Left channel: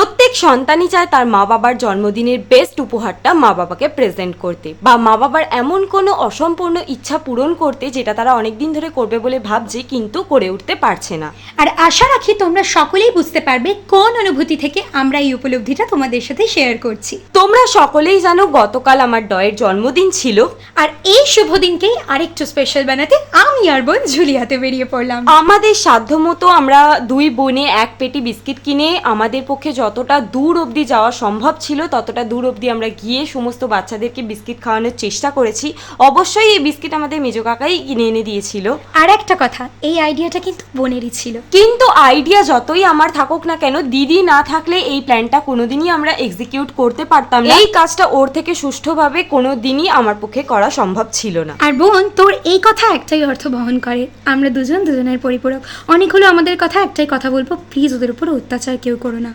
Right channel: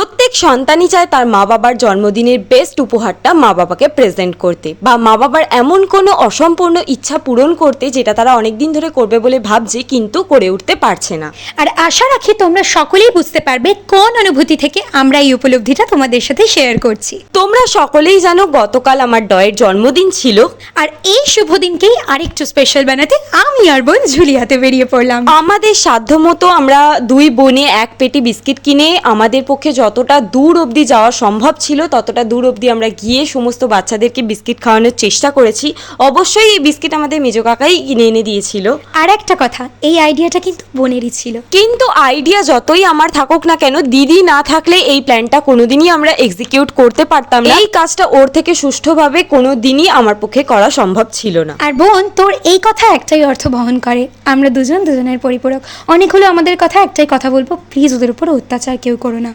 প্রত্যেক সন্তানই চায় তার মা বাবার জন্মদিনের বেস্ট উপহারটা মা বাবাকে প্রেজেন্ট করতে, বা মা বাবার এমন কোনো অসম্পূর্ণ ইচ্ছা পূরণ করতে যেটা তারা অনেকদিন ধরে করবে বলে ভাবছে কিন্তু করে উঠতে পারছে না। আর আশা রাখি তোমরা সকলেই বুঝতে পারবে কোন অনুভূতি থেকে আমরা এই উপলব্ধিটা তোমাদের সাথে শেয়ার করছি। তোমরা সকলেই জানো গতকাল আমার ডয়ের জন্মদিন ছিল, আর এই শুভ দিনকেই আরেকটু স্পেশাল বানাতে আমি আর বোন ঝুলিয়াতে বেরিয়ে পড়লাম। আমাদের সাধ্যমতো আমরা দুই বোনে এক পেটি বিস্কিট কিনে আমাদের পক্ষে যতটা দূর অবধি যাওয়া সম্ভব ছিল ততটা দূর অবধি আমরা গিয়ে সমস্ত বাচ্চাদেরকে বিস্কিট খাওয়ানোর চেষ্টা করেছি। অবশ্যই এই বিস্কিট আমাদের মেজো কাকাই কিনে এনে দিয়েছিল। আর একটা কথা, এই আইডিয়াটা কিন্তু বোনেরই ছিল। কিন্তু আইডিয়া যতই আমার থাকুক না কেন, দিদি না থাকলে এই প্ল্যানটা কোনোদিনই আমরা এক্সিকিউট করতে পারতাম না। এই কাজটা ওর থেকে সুষ্ঠুভাবে কোনোদিনই আমার পক্ষে করা সম্ভব ছিল না। আর বোন, তোর এই কথা একটাই অর্থ বহন করে, আমরা দুজনের পরিপূরক। অনেক হলো আমাদের কথা, একটাই কথা বলবো, প্লিজ ওদের উপর অত্যাচার কেউ করো না।